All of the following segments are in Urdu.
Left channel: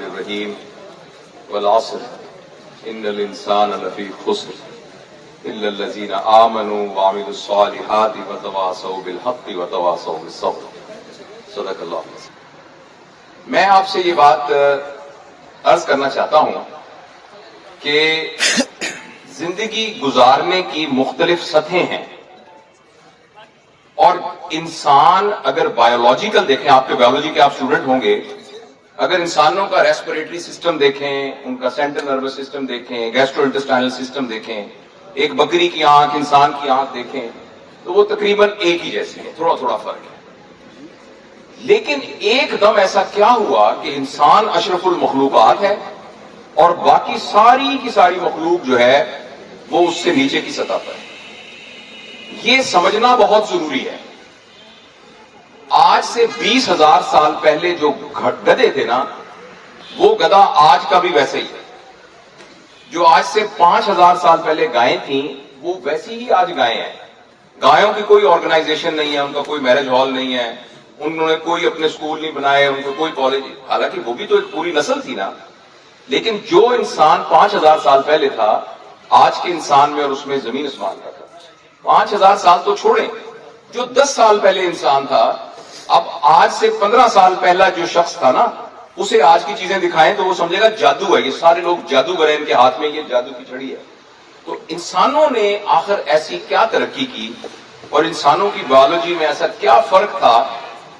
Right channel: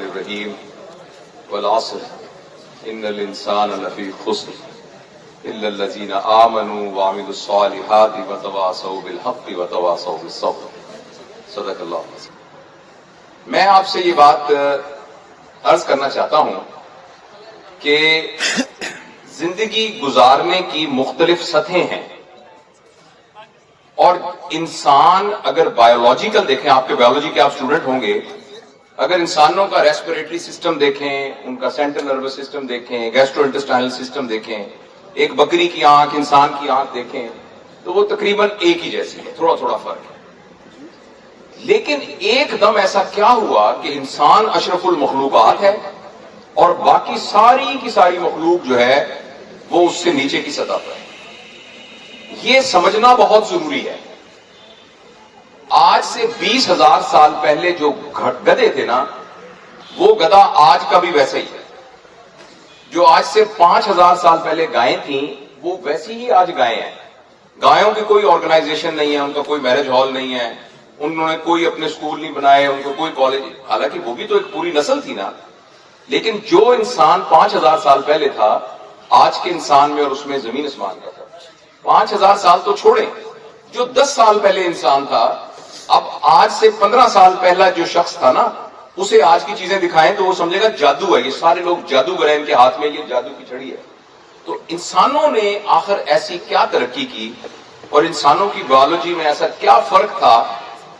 الرحمن الرحیم والعصر ان الانسان لفی خسر الا الذین آمنوا وعملوا الصالحات وتواصوا بالحق وتواصوا بالصبر صدق اللہ۔ میں آپ سے یہ بات عرض کرنا چاہتا ہوں کہ زندگی گزارنے کی مختلف سطحیں ہیں، اور انسان اگر بایولوجیکل دیکھیں، آپ کے بایولوجی کے آپ اسٹوڈنٹ ہوں گے، اگر انسانوں کا ریسپریٹری سسٹم دیکھیں، ان کا سینٹرل نروس سسٹم دیکھیں، گیسٹرو انٹسٹائنل سسٹم دیکھیں، ایک بکری کی آنکھ انسان کی آنکھ دیکھیں، تو وہ تقریباً ایک ہی جیسی ہے، تھوڑا تھوڑا فرق ہے۔ لیکن ایک دم ایسا کیا ہوا کہ انسان اشرف المخلوقات ہے اور باقی ساری کی ساری مخلوق جو ہے وہ اس سے نیچے کی سطح پر ہے۔ یہ سمجھنا بہت ضروری ہے۔ آج سے 20,000 سال پہلے جو گدھے تھے نا، وہ گدھا آج کا بھی ویسے ہی ہے۔ جو آج سے 5,000 سال پہلے گائیں تھیں، وہ ویسی ہی آج گائیں ہیں۔ گایوں کی کوئی آرگنائزیشن نہیں ہے، ان کا کوئی میرج ہال نہیں ہے، انہوں نے کوئی اپنے سکول نہیں بنائے، ان کو کوئی کالج، حالانکہ وہ بھی تو ایک پوری نسل تھی نا۔ لیکن جو انسان 5,000 سال پہلے تھا، آج کے انسان میں اور اس میں زمین آسمان کا تھا۔ 5,000 سال تو چھوڑیں، جو 10 سال پہلے انسان تھا، اب آج سے 15 سال پہلا جو شخص تھا نا، اسے آج کی چیزیں دکھائیں تو وہ سمجھے گا جادو ہے، یہ سارے لوگ جادوگر ہیں، ان کے ہاتھ میں یہ جادو کی چھڑی ہے۔ تو انسانوں نے آخر ایسی کیا ترقی کی، اور انسانوں کی بایولوجی میں ایسا کیا فرق تھا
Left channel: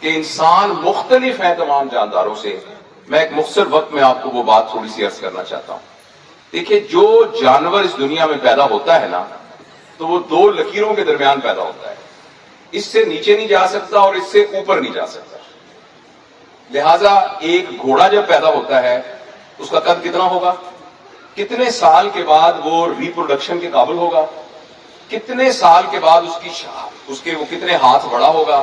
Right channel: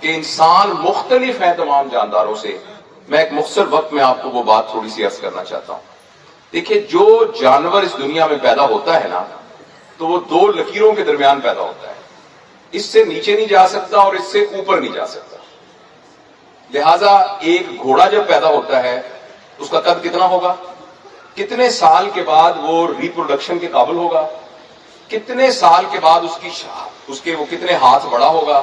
کہ انسان مختلف ہیں تمام جانداروں سے۔ میں ایک مختصر وقت میں آپ کو وہ بات تھوڑی سی عرض کرنا چاہتا ہوں۔ دیکھیے، جو جانور اس دنیا میں پیدا ہوتا ہے نا، تو وہ 2 لکیروں کے درمیان پیدا ہوتا ہے، اس سے نیچے نہیں جا سکتا اور اس سے اوپر نہیں جا سکتا۔ لہذا ایک گھوڑا جب پیدا ہوتا ہے، اس کا قد کتنا ہوگا، کتنے سال کے بعد وہ ریپروڈکشن کے قابل ہوگا، کتنے سال کے بعد اس کے وہ کتنے ہاتھ بڑا ہوگا،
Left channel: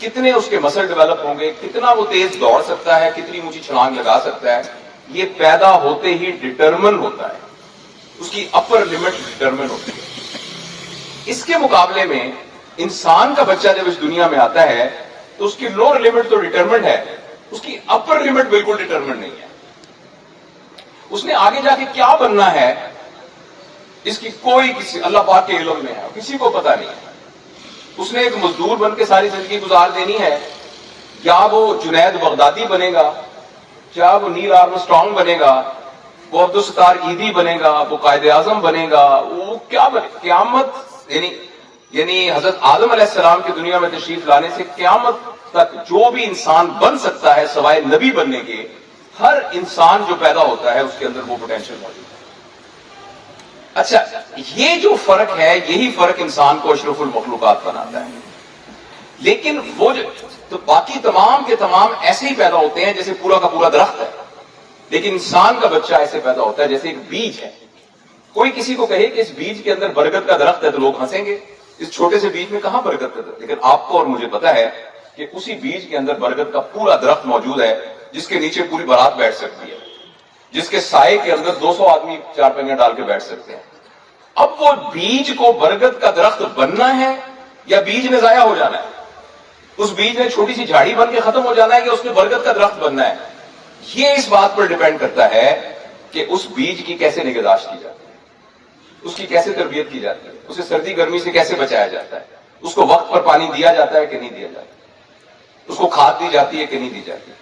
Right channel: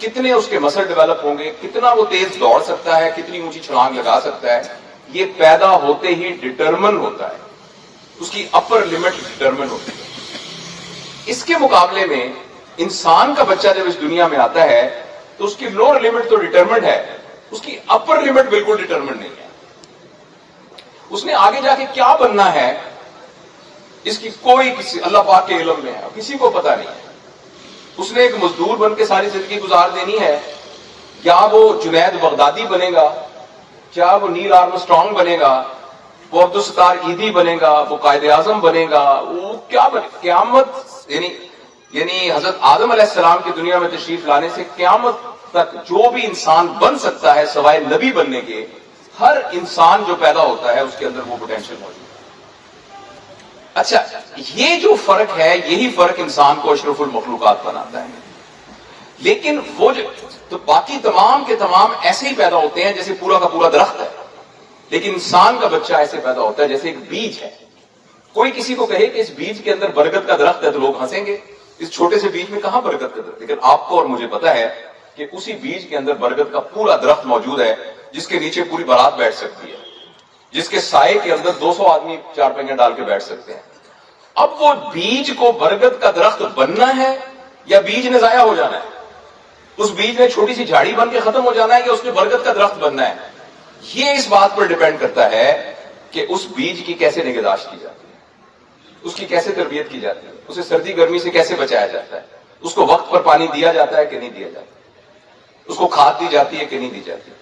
کتنے اس کے مسل ڈیولپ ہوں گے، کتنا وہ تیز دوڑ سکتا ہے، کتنی اونچی چھلانگ لگا سکتا ہے، یہ پیدا ہوتے ہی ڈٹرمن ہوتا ہے، اس کی اپر لمٹ ڈٹرمن ہوتی ہے۔ اس کے مقابلے میں انسان کا بچہ جب اس دنیا میں آتا ہے تو اس کی لوور لمٹ تو ڈٹرمنڈ ہے، اس کی اپر لمٹ بالکل ڈٹرمنڈ نہیں ہے۔ اس نے آگے جا کے کیا بننا ہے، اس کی کوئی کسی اللہ پاک کے علم میں ہے، کسی کو پتا نہیں ہے۔ اس نے ایک مزدور بن کے ساری زندگی گزار دینی ہے، یا وہ جنید بغدادی بنے گا، یا وہ نیل آرمسٹرانگ بنے گا، وہ عبدالستار عیدی بنے گا، وہ قائد اعظم بنے گا، وہ کیا بنے؟ قیامت یعنی حضرت آدم علیہ السلام کی دنیا میں تشریف لانے سے قیامت تک جو بھی انسان بن سکتا ہے سوائے نبی بننے کے، ہر انسان جو پیدا ہوتا ہے اس کے اندر وہ پوٹینشیل موجود ہے۔ اچھا، یہ جو فرق ہے، یہی فرق انسان کو اشرف المخلوقات بناتا ہے۔ لیکن وہ تو باقی تمام کے تمام ایسے ہی پیدا ہوتے ہیں جیسے پورا کا پورا درخت ہے، لیکن انسان کا بچہ ایسے پیدا ہوتا ہے جیسے ایک بیج ہے۔ کوئی کسی کو کہے کہ اس بیج کے اندر برکت کا درخت ہے تو لوگ ہنسیں گے، اس چھوٹے سے بیج میں کہاں برکت کا درخت؟ لیکن آپ کو اور مجھے پتا ہے کہ اسی بیج کے اندر برکت کا پورا درخت موجود ہے، جس کے نیچے پوری بارات بیٹھ سکتی ہے، جس کے سائے کے اندر 200 آدمی 4 پنگے ڈال کے بیٹھ سکتے ہیں۔ اب وہ بیج کو برکت کا درخت بننا ہے یا بیج نے ضائع ہو جانا ہے؟ اس بیج نے چھوٹی سی جھاڑی بن کے ختم ہو جانا ہے کہ اس نے برکت کا درخت بننا ہے؟ یہ اس بات پر ڈیپینڈ کرتا ہے کہ اس بیج کی کیسے نگہداشت کی جاتی ہے، اس کی کیسے تربیت کی جاتی ہے، اسے سردی گرمی سے کیسے بچایا جاتا ہے، اس کو وقت پر پانی دیا جاتا ہے کہ نہیں دیا جاتا، اس کو کھاد دی جاتی ہے کہ نہیں دی جاتی،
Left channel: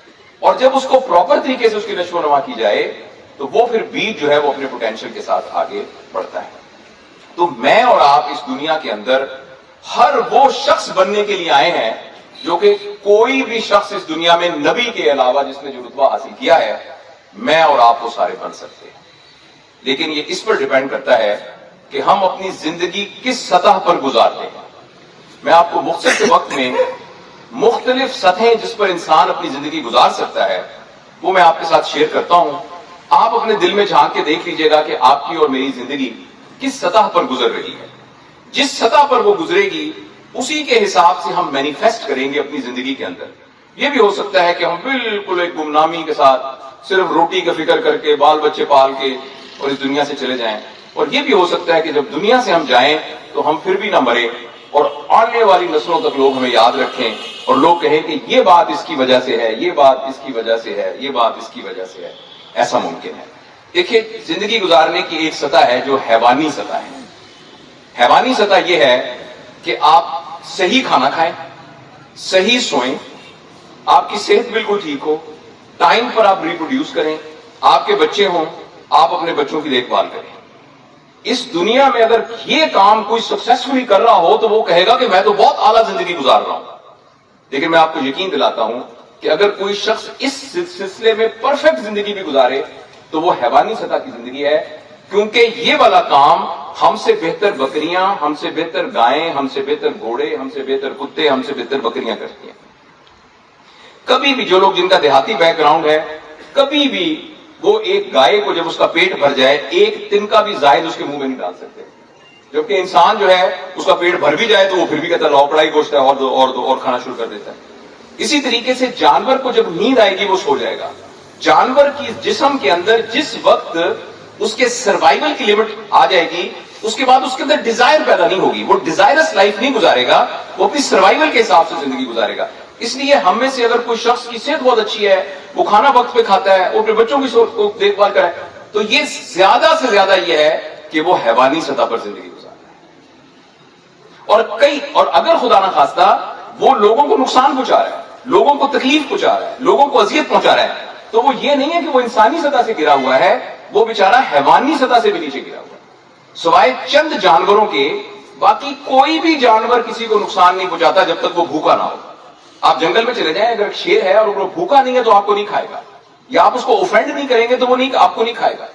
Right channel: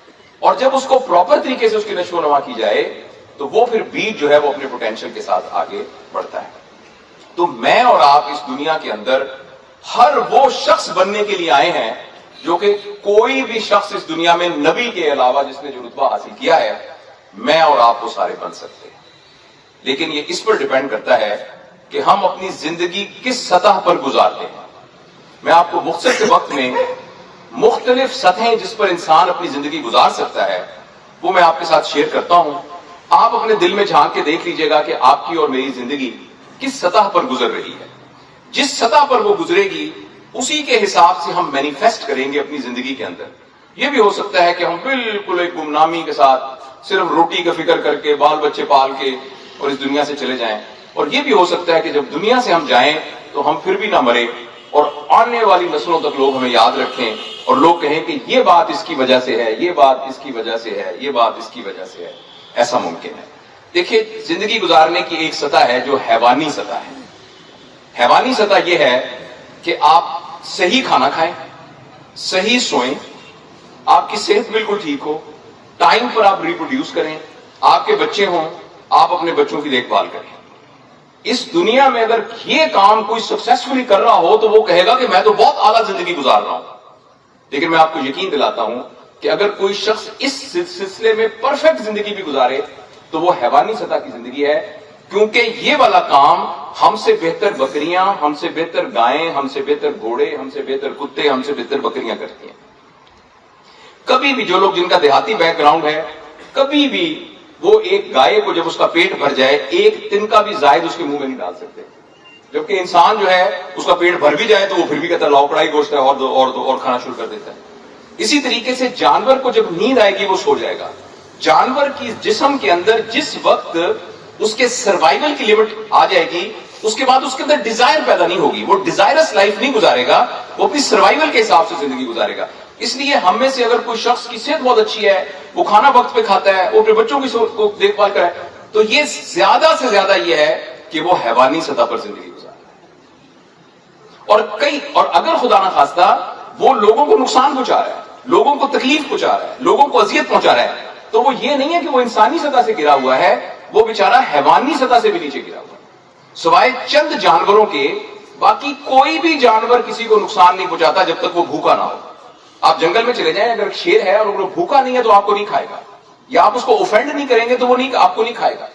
اور جب اس کو پراپر طریقے سے اس کی نشو و نما کی جائے تو وہ پھر بیج جو ہے وہ اپنے پوٹینشیل کے ساتھ آگے بڑھتا ہے۔ تو میں اور آپ اس دنیا کے اندر ہر وہ شخص بننے کے لیے آئے ہیں جو کہ کوئی بھی شخص اس دنیا میں نبی کے علاوہ جس نے جو رتبہ حاصل کیا ہے، میں اور آپ وہ سارے بن سکتے ہیں۔ لیکن یہ اس پر ڈیپینڈ کرتا ہے کہ ہم اپنی زندگی کس سطح پر گزارتے ہیں۔ میں آپ کو مختصر کے وقت میں مختلف سطحیں جس پر انسان اپنی زندگی گزار سکتا ہے وہ میں آپ کے ساتھ شیئر کرتا ہوں۔ آپ اپنے دل میں جھانک کے دیکھ لیجئے گا کہ آپ کی اور میری زندگی کس سطح پر گزر رہی ہے۔ جس سطح پر وہ گزرے گی اسی کے حساب سے ہم مینیفیسٹ کریں گے اپنی زندگی کے اندر۔ یہ بھی ہو سکتا ہے کہ ہم بالکل ایک گمنامی کے ساتھ صرف روٹی کا فکر کر کے بال بچے پال کے اور اس دنیا سے چلے جائیں، اور یہ بھی ہو سکتا ہے کہ جب دنیا سے ہم جائیں تو ہم پھر بھی نہ مریں اور آنے والی نسلوں تک لوگ ہمیں یاد رکھیں اور لوگ کہیں کہ یہ بات اس کی وجہ سے ہے، یہ بات اس کی وجہ سے ہے، یہ بات اس کی وجہ سے ہے، ایسا ممکن ہے؟ دیکھیے، زندگی گزارنے کی ایک سطح ہے جو حیوانی سطح ہے. حیوانی سطح یہ ہے کہ آپ صحیح کھانا کھائیں، صحیح سوئیں، آپ کی صحت بالکل ٹھیک ہو، ٹائم پر آپ ریپروڈیوس کریں، آپ کے بچے ہوں، آپ اپنے بچوں کی دیکھ بھال کریں. اس دنیا میں اگر یہ کام کوئی سکسیسفلی کر رہا ہو تو وہ کہے گا کہ میں تو بہت اعلیٰ زندگی گزار رہا ہوں. لیکن میں آپ کو یقین دلاتا ہوں کہ اگر کوئی شخص اس سلسلے میں پرفیکٹ زندگی بھی گزارے تو وہ حیوانی سطح کی زندگی ہے، کیونکہ یہ والا کام ہم سے بہتر بکریاں، ہم سے بہتر گائیں، ہم سے بہتر گھوڑے، ہم سے بہتر کتے، ہم سے بہتر بکریاں کرتی ہیں. کبھی بھی جو لوگ جن کا دیہاتی بیک گراؤنڈ ہے، کبھی بھی وہ ایک گائے کو جب اس کا پیٹ بھر جائے ایک تنکا بھی زائد اس کے منہ میں نہیں ڈال سکتے. جبکہ انسان جو ہے اس کا پیٹ بھر بھی جائے تو وہ پھر بھی کہتا ہے لاؤ کڑائی گوشت ہے اور دو اور کھانا شروع کر دیتا ہے. اسی طریقے سے جانور کو جب نیند آئے گی وہ سو جائے گا. جانور کی جسم کے اندر جس وقت اس کے سروائیول کی لمٹ آ جائے گی اس کے بعد اس کے اندر ڈیزائر پیدا نہیں ہوگی، وہ ڈیزائرس لائف نہیں گزارے گا، وہ اپنی سروائیول کے حساب سے زندگی گزارے گا. اس لیے ہم میں سے اگر کوئی شخص کی صحت بہت اچھی ہے، وہ کھانا وقت پہ کھاتا ہے، وہ اپنے بچوں کی دیکھ بھال کرے، تو یہ زیادہ سے زیادہ یہ ہے کہ وہ حیوانی سطح پر زندگی گزار رہا ہے. اور اگر خدا نہ خواستہ وہ لوگوں کو نقصان پہنچا رہا ہے، لوگوں کو تکلیف پہنچا رہا ہے، لوگوں کو اذیت پہنچا رہا ہے، تو وہ یہ نہیں ہے کہ وہ انسانی سطح سے گرا ہوا ہے، وہ بیچارہ حیوانی سطح سے بھی نیچے گرا ہوا ہے. سوائے چند جانوروں کے باقی کوئی بھی جانور کسی کو نقصان نہیں پہنچاتا جب تک وہ بھوکا نہ ہو. آپ جنگل میں چلے جائیں، اگر شیر ہے اور وہ بھوکا نہیں ہے تو آپ کو نہیں کھائے گا، یا آپ اس کو اوفینڈ نہیں کریں گے تو وہ آپ کو نہیں کھائے گا.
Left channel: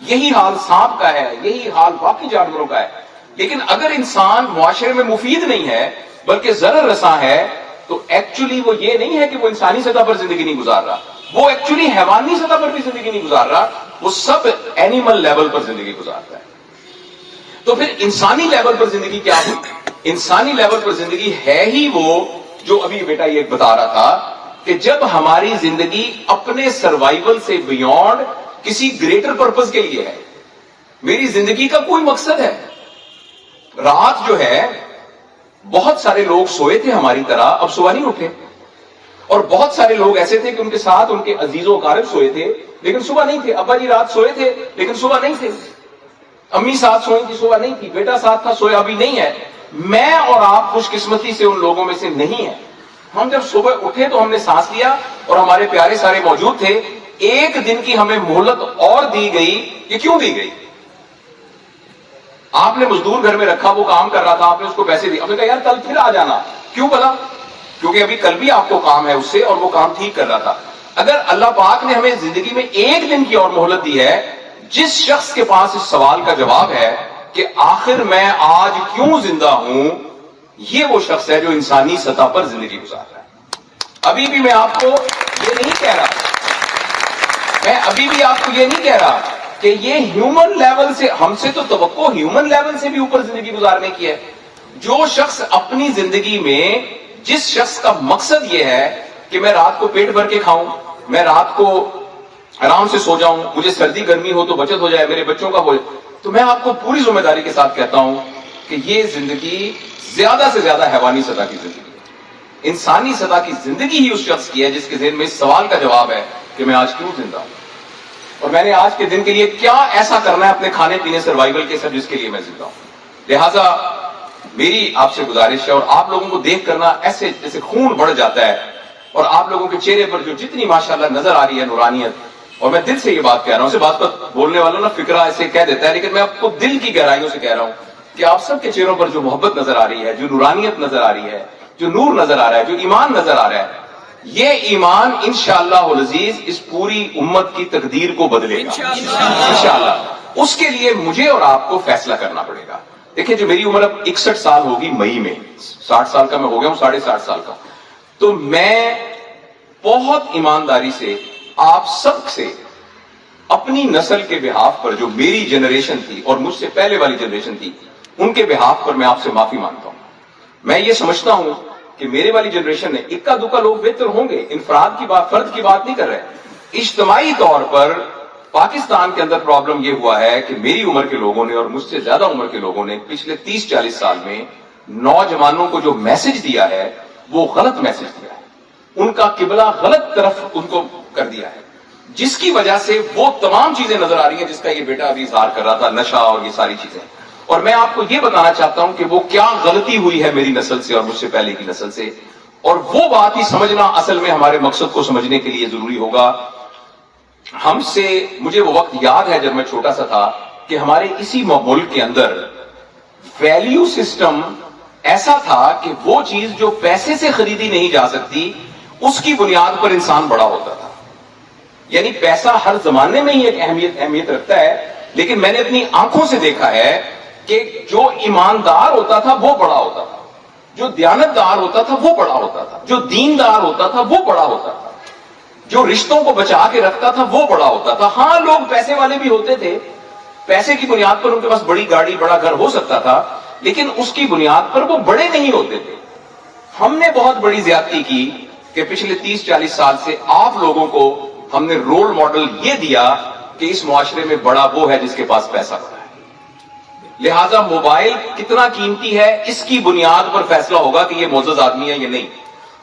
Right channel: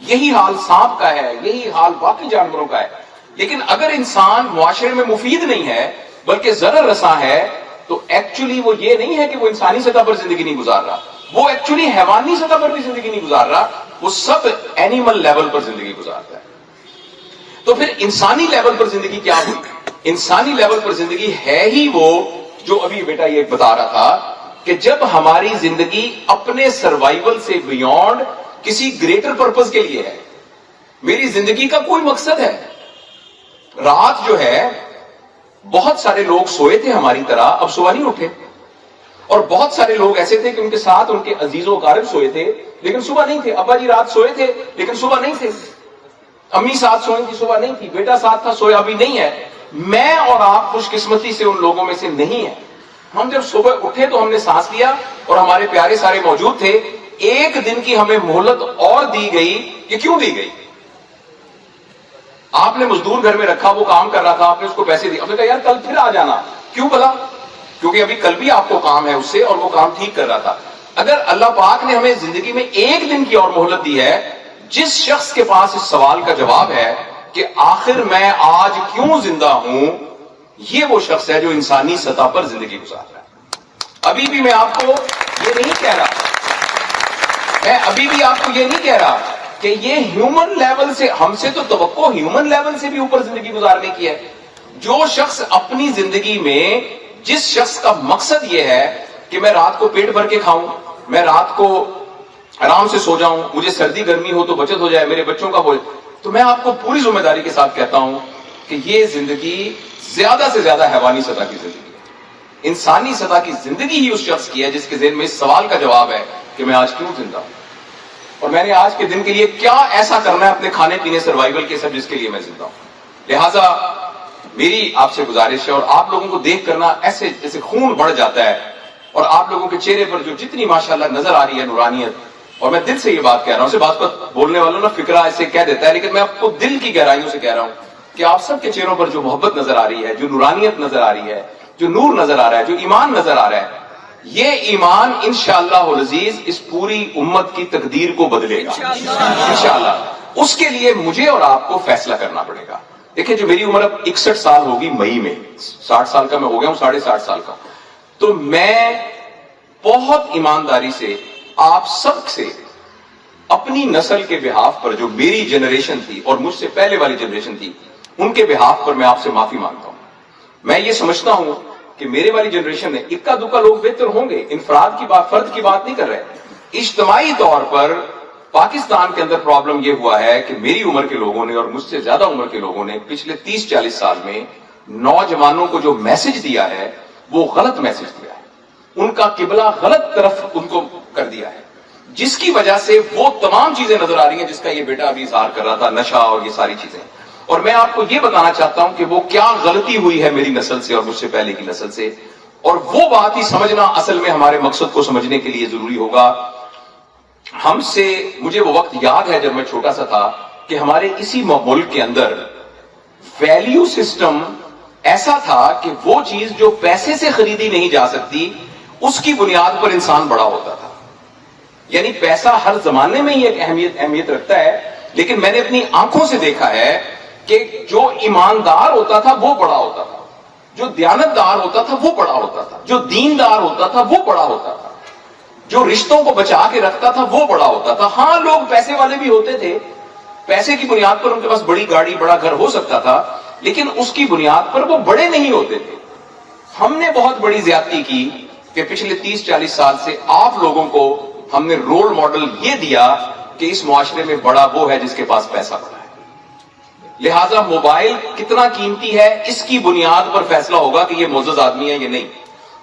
یہی حال سانپ کا ہے، یہی حال باقی جانوروں کا ہے. لیکن اگر انسان معاشرے میں مفید نہیں ہے بلکہ ضرر رساں ہے تو ایکچولی وہ یہ نہیں ہے کہ وہ انسانی سطح پر زندگی نہیں گزار رہا، وہ ایکچولی حیوانی سطح پر بھی زندگی نہیں گزار رہا، وہ سب اینیمل لیول پر زندگی گزارتا ہے. تو پھر انسانی لیول پر زندگی کیا ہے؟ انسانی لیول پر زندگی ہے ہی وہ جو ابھی بیٹا یہ بتا رہا تھا کہ جب ہماری زندگی اپنے سروائیول سے بیونڈ کسی گریٹر پرپز کے لیے ہے. میری زندگی کا کوئی مقصد ہے. رات جو ہے بہت سارے لوگ سوئے تھے ہماری طرح، اب صبح نہیں اٹھے، اور بہت سارے لوگ ایسے تھے کہ ان کے ساتھ ان کے عزیز و اقارب سوئے تھے لیکن صبح نہیں تھے. ابا جی رات سوئے تھے لیکن صبح نہیں تھے، امی ساتھ سوئی تھی صبح نہیں تھی، بیٹا ساتھ تھا سویا ابھی نہیں ہے. میں اور آپ خوش قسمتی سے ان لوگوں میں سے نہیں ہیں. ہم جب صبح اٹھے تو ہم نے سانس لیا اور ہمارے پیارے سارے موجود تھے. ایک دن کی ہمیں مہلت اور دی گئی. یہ کیوں دی گئی؟ آپ نے مزدور گھر میں رکھا، وہ کام کر رہا تھا، آپ نے اس کو پیسے دیے، آپ نے کہا یار کل پھر آ جانا. کیوں بلا؟ کیونکہ ابھی کل بھی آپ کو کام ہے اس سے اور وہ کام ٹھیک کر رہا تھا. اگر اللہ پاک نے ہمیں زندگی میں ایک دن کی اور مہلت دی ہے، جس شخص کے پاس اس سوال کا جواب ہے کہ آخر میں آج کیوں زندہ ہوں، یہ وہ شخص ہے جو انسانی سطح پر زندگی گزار رہا ہے. ابھی بھی میں آپ کو یہ نہیں کہہ رہا، میں ابھی بھی آپ کو یہ نہیں کہہ رہا کہ یہ ہیومن لیول سے، ہم سے تو توقع ہیومن لیول سے بھی اوپر زندگی گزارنے کی ہے. جو شخص اپنی زندگی میں، جس شخص کا مقصد یہ ہے کہ میں رات کو پیٹ بھر کے کھاؤں، میں رات کو آرام سے سو جاؤں، مجھے سردی گرمی ہو تو بچت ہو جائے، میرے بچوں کا ہو جائے، تو میں آپ کو پوری ذمہ داری کے ساتھ کہتا ہوں کہ یہ زندگی زیادہ سے زیادہ حیوانی سطح کی زندگی ہے. انسانی سطح کی زندگی ہی اس شخص کی ہے جس کے ذہن میں اس سوال کا جواب ہے کہ میں آج کیوں زندہ ہوں، اور میں نے آج کے دن کے لیے کیا ایسا کرنا ہے اپنے کھانے پینے سروائیول کے سب جس کے لیے میں زندہ ہوں. لہذا میری آپ سے گزارش ہے، اور آپ لوگوں کو دیکھ کرنا ایسے جیسے خون بڑھ جاتا ہے، اور آپ لوگوں کے چہرے پر جو جتنی ماشاءاللہ نظر آ رہی ہے نورانیت، اور میں دل سے یہ بات کہہ رہا ہوں. اسے بات پر بولنے والوں نا فکرہ ایسے کہہ دیتا ہے، لیکن میں آپ کو دل کی گہرائیوں سے کہہ رہا ہوں کہ آپ سب کے چہروں پر جو محبت نظر آ رہی ہے، جو نورانیت نظر آ رہی ہے، جو نور نظر آ رہا ہے، جو ایمان نظر آ رہا ہے، یہ ایمان انشاءاللہ العزیز اس پوری امت کی تقدیر کو بدلے گا انشاءاللہ. اس کے لیے مجھے اور آپ کو فیصلہ کرنا پڑے گا. دیکھیں جو میری عمر اب 61 سال ہوگی مئی میں، 60 سال کا میں ہو گیا ہوں، 60.5 سال کا، تو میں بہت ایمانداری سے آپ سب سے اپنی نسل کے بہاف پر، جو میری جنریشن تھی اور مجھ سے پہلے والی جنریشن تھی، ان کے بہاف پر میں آپ سے معافی مانگتا ہوں. میں یہ سمجھتا ہوں کہ میرے والی جنریشن نے اکا دکا لوگ بہتر ہوں گے، انفراد کی بات، فرد کی بات نہیں کر رہے. اجتماعی طور پر پاکستان کے اندر پرابلم یہ ہوا ہے کہ میری عمر کے لوگوں نے اور مجھ سے زیادہ عمر کے لوگوں نے پچھلے 30-40 سال میں نوجوانوں کو جو میسج دیا ہے وہ غلط میسج دیا ہے, ان کا قبلہ غلط طرف ان کو کر دیا ہے, جس کی وجہ سے وہ تمام چیزیں نظر آ رہی ہیں جس کا یہ بیٹا ابھی اظہار کر رہا تھا, نشہ اور یہ ساری چیزیں. اور میں آپ کو یہ بتانا چاہتا ہوں کہ وہ کیا غلطی ہوئی ہے میری نسل سے اور مجھ سے پہلے کی نسل سے, اور وہ بات ہی سمجھنا اصل میں ہمارے مقصد کو سمجھنے کے لیے ضروری ہوگا. ہم سے, مجھے وہ وقت یاد ہے جب میں چھوٹا سا تھا کہ ہمارے اسی ملک کے اندر ویلیو سسٹم ایسا تھا کہ وہ چیز جو پیسے سے خریدی نہیں جا سکتی اس کی بنیاد پر انسان بڑا ہوتا تھا. یعنی پیسہ ہر زمانے میں ہی ایک اہمیت رکھتا ہے, لیکن میں نے اپنی آنکھوں سے دیکھا ہے کہ جو ایماندار ہوتا تھا وہ بڑا ہوتا تھا, جو دیانتدار ہوتا تھا وہ بڑا ہوتا تھا, جو دیندار ہوتا تھا وہ بڑا ہوتا تھا, جو رشتوں کو بچا کے رکھتا تھا وہ بڑا ہوتا تھا. ہاں لوگ پیسے والے بھی ہوتے تھے, پیسے کی بنیاد پر ان کے پاس بڑی گاڑی بڑا گھر ہو سکتا تھا, لیکن اس کی بنیاد پر وہ بڑے نہیں ہوتے تھے. ہم نے بہت بڑی زیادتی کی کہ پچھلے 30-40 سال سے آپ لوگوں کو ہم نے رول ماڈل یہ دیا کہ اس معاشرے میں بڑا وہ ہے جس کے پاس پیسہ ہوتا ہے. لہذا موبائل کتنا قیمتی ہے اس کی بنیاد پر فیصلہ ہوگا کہ یہ معزز آدمی ہے یا نہیں.